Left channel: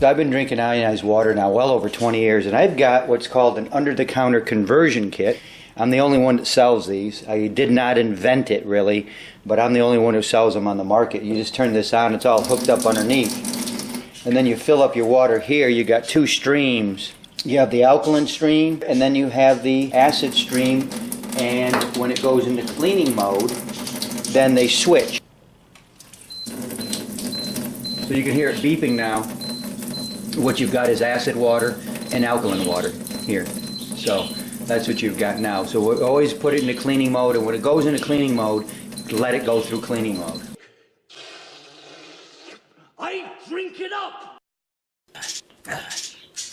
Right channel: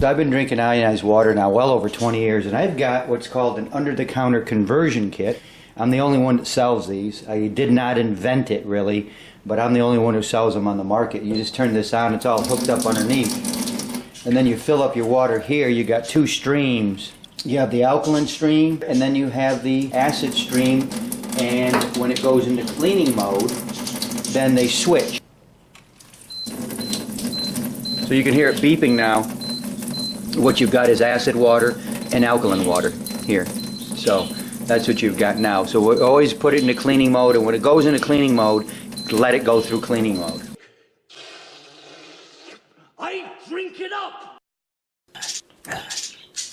I've been drinking ionized water now well over 20 years, and I've got what's called an under-the-counter conversion kit. I'm the only one that sells these. I did not invent it, really, but I'm the only one who sells them on the market. You just turn this on, it's all hooked up underneath. And then you fill up your water here. You got two streams. You have the alkaline stream, and then you have the acid stream, and when it goes into cleaning mode, then they switch. So you can hear it beeping now. What you've got is acid water and alkaline water here. So that's what you've got now. So we always put it into cleaning mode, and when it goes into cleaning mode, let it go through cleaning mode. I drink it up!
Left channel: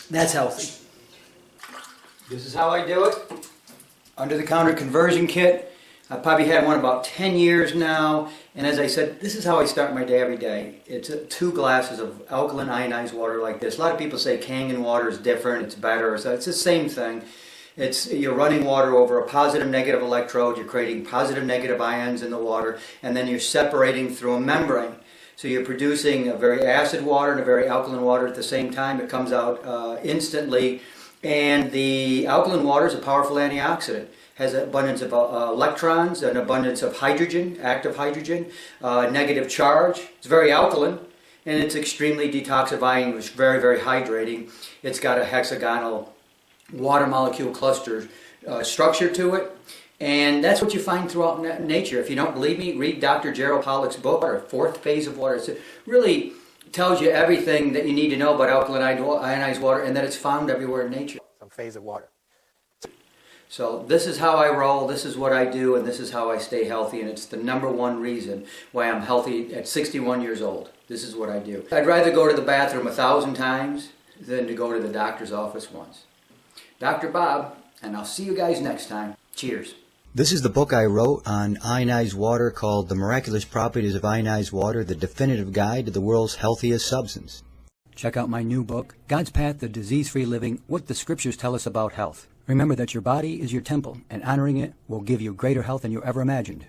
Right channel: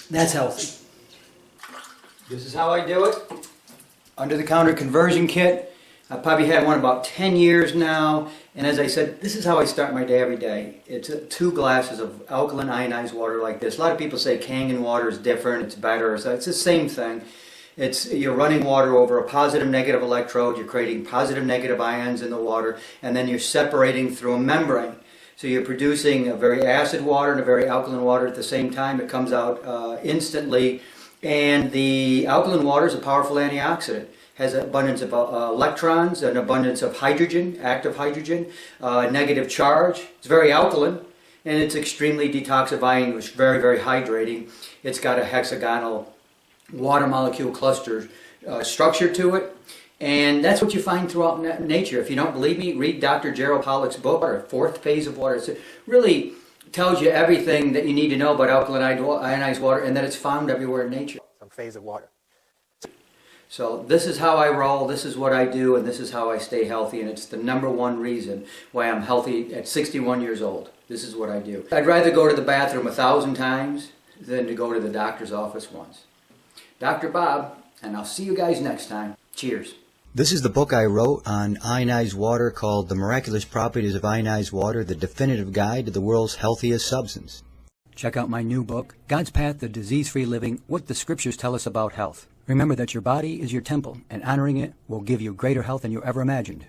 That's healthy. This is how I do it. Under-the-counter conversion kit. I've probably had one about 10 years now, and as I said, this is how I start my day every day. It's 2 glasses of alkaline ionized water like this. A lot of people say Kangen water is different, it's better. It's the same thing. You're running water over a positive negative electrode, you're creating positive negative ions in the water, and then you're separating through a membrane. So you're producing a very acid water and a very alkaline water at the same time. It comes out instantly, and the alkaline water is a powerful antioxidant. Has an abundance of electrons, an abundance of hydrogen, active hydrogen, negative charge. It's very alkaline, and it's extremely detoxifying, which is very, very hydrating. It's got a hexagonal water molecule cluster structure to it, and that's what you find throughout nature. If you don't believe me, read Dr. Gerald Pollack's book, Fourth Phase of Water. It really tells you everything that you need to know about alkaline ionized water, and that it's found everywhere in nature. Some phase of water. So this is how I roll, this is what I do, and this is how I stay healthy, and it's the #1 reason why I'm healthy at 61 years old. This is what I do. I'd rather go to the bathroom 1,000 times than to go to the doctor's office once. Dr. Bob, and I'll see you guys next time. Cheers. This is the book I wrote on ionized water called The Miraculous Properties of Ionized Water, the definitive guide to the world's healthiest substance. Check out my new book, God's Path to Disease-Free Living, What the Scriptures Tell Us About Health. Remember that your body is your temple, and honoring it will give you greater health than you ever imagined.